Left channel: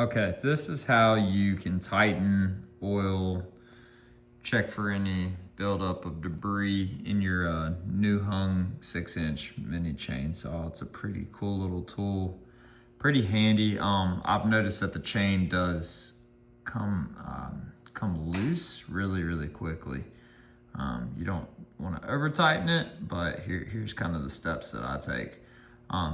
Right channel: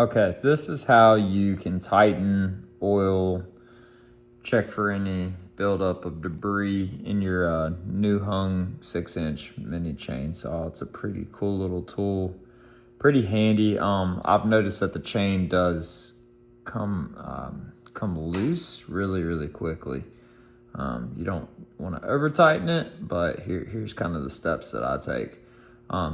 Okay, this is how you can tighten, oil, check for any buildup of debris in your new Huing 6-inch mini chainsaw. It's a pretty cool little tool, pretty handy. I've noticed that the chain does come loose really quickly. You don't want to over tighten it, but here's kind of the steps that I take.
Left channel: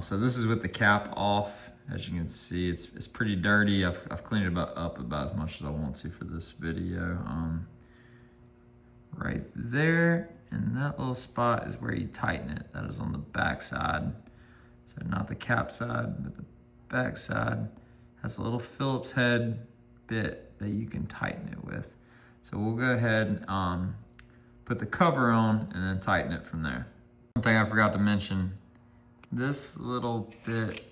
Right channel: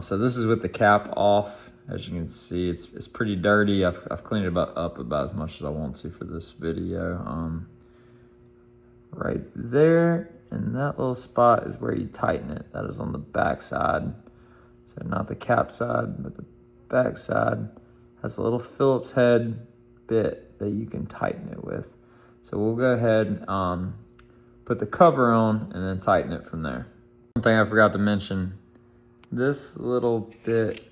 So this is with the cap off. As you can see, it's pretty dirty. I've cleaned it up about as much as I want to for this video. Right there, and that little spot is where you tighten it. That is on the back side. So not the cap side, but the back side has a little Phillips head bit that you can tighten it with. So we'll go ahead and put the cover on and then tighten it from there. One thing I forgot to mention, this little bit,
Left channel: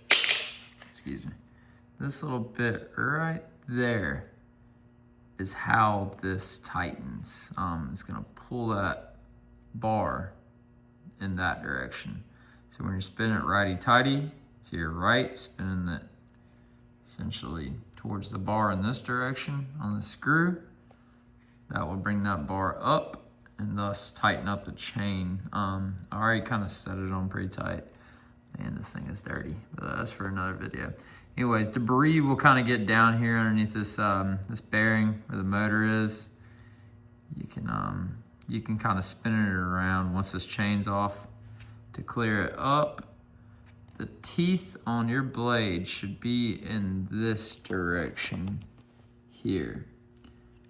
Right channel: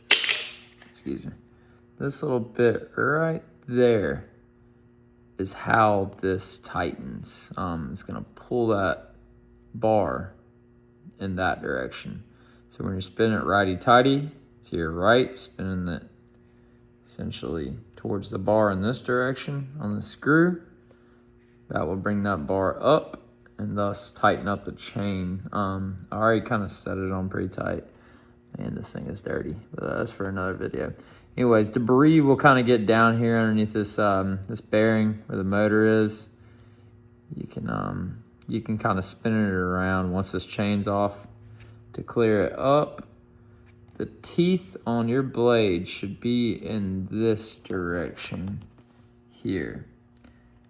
excuse me, this little bit right there is how this tightens. It's gonna pull that bar in that direction. So when you're spinning it righty-tighty to your right, spinning it essentially towards the bar in this direction on the screw, that will bring that bar up and thus tighten up the chain. I already kind of set it on pretty tight. Man, this thing is dirty. That's for another video. Anyways, debris will kind of get down here underneath this this bearing where the motor is. You can kind of spin it around once this chain's off to clear it up. The teeth on your blade should be in this direction here.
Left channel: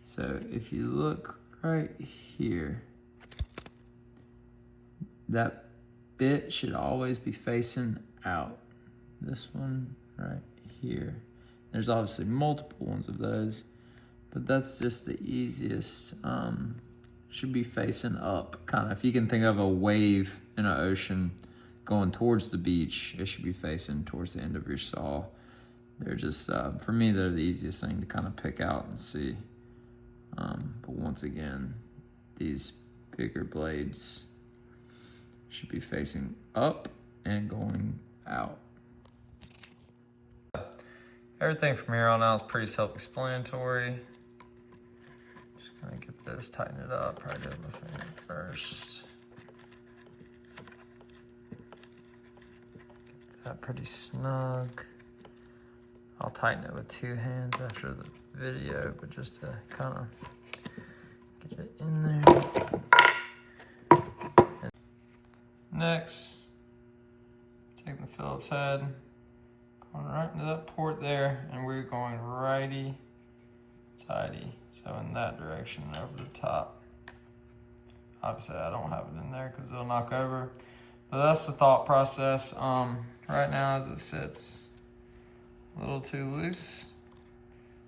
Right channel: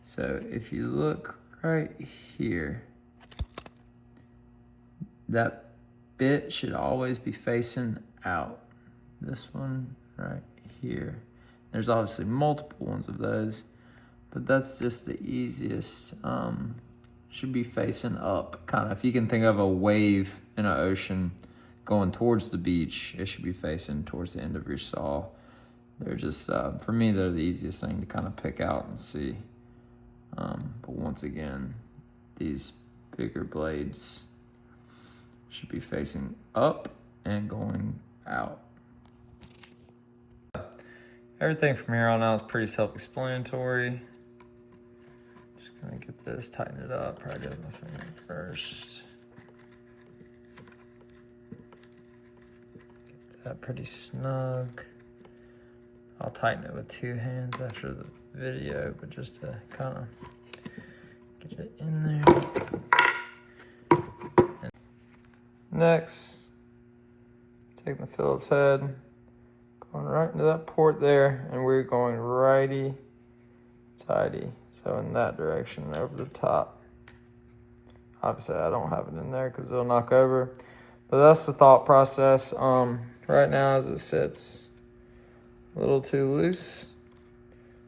So if you look right here, that bit should always be facing out. This one right here. There's obviously multiple ones of those, but that's just the easiest. Should be facing up, kind of. If you can think of a wave in an ocean going towards the beach, it should be facing towards the end of your saw. They're just, for me, they're the easiest thing to kind of pick out and see. But once again, these bigger blades should be facing up and going out. Everything from here on out is pretty self-explanatory. Just gonna get this, tighten it up, probably do it with my finger first. Get that pretty snug. I'll tighten it with 2 hands after the video, but just to kind of get it in there. And next, take the Phillips head, going right into that port there, and we're going righty tighty, so in that direction over the top. Obviously I don't have it in there because it'll knock over, but that's the thought process. Right now as it sits a little too loose,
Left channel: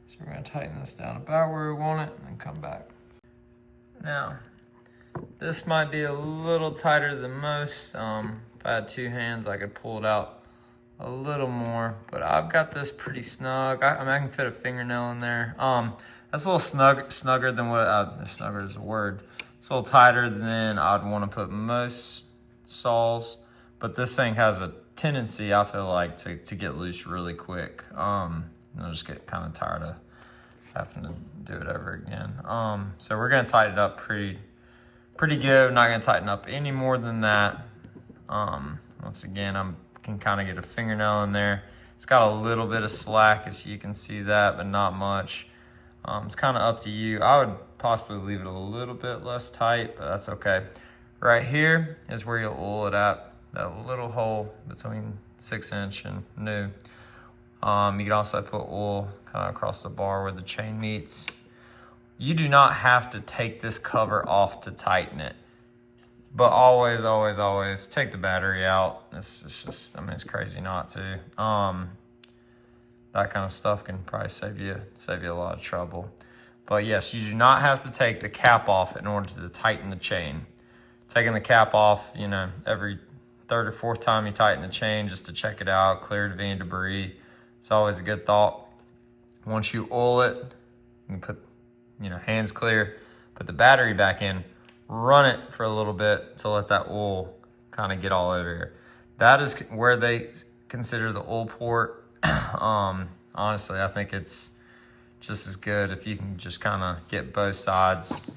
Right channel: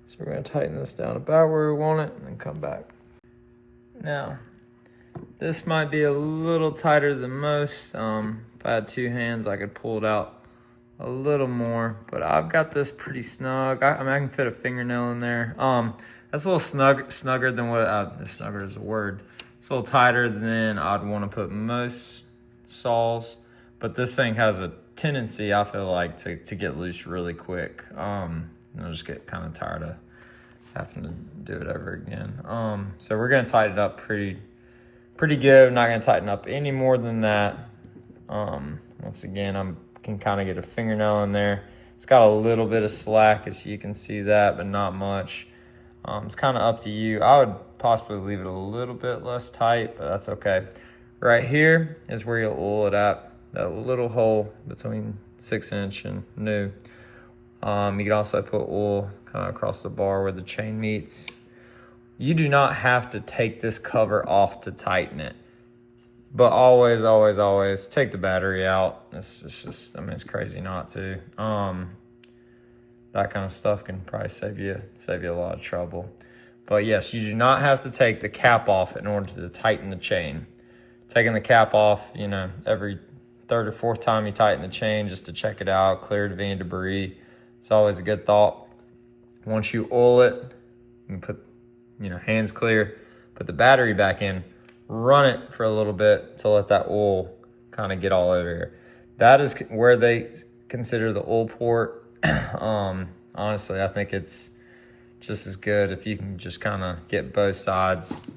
so we're going to tighten this down about where we want it and then come back. Now this might be a little tighter than most. If I had 2 hands I could pull it out a little more, but I've got this pretty snug. I mean, I can fit a fingernail in there. That's a little snugger than what, snugger is a word. It's a little tighter than I'd want to put most saws, but this thing has a tendency, I feel like, to get loose really quick. And I'll just get kind of tired of having to do it ever again. So we're gonna tighten it up pretty good. I'm not gonna tighten up any more than that. Once again, I can kind of get a fingernail in there. It's got a little bit of slack, as you can see that, but not much. It's kind of up to you. I would possibly leave it a little bit less tight, but that's okay. Right here is where you'll oil it at, that little hole between 6-inch and new. You can also put oil kind of across the bar where the chain meets. You do not have to take this cover off to tighten it, but always take the battery out. It's just, I mean, it's crazy not to. That kind of stuff can probably save you a lot of trouble. But yes, you do not have to take the cap off in order to tighten the chain. Taking the cap off, you know, every 3rd or 4th time you tighten the chain just to check it out, clear it of any debris. It's always a good thought. Once you oil it, you can put, you know, hands clear, put the battery back in, run it for a little bit to let that oil kind of get all over here. That is where they consider the oil port. honestly, I think it's just as good if you can just kind of get both sides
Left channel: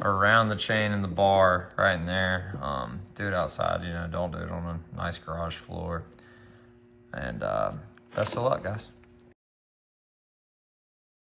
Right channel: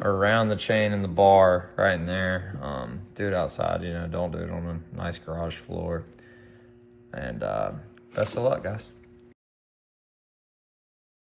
around the chain and the bar right in there. Do it outside, you know, don't do it on a nice garage floor. And best of luck, guys.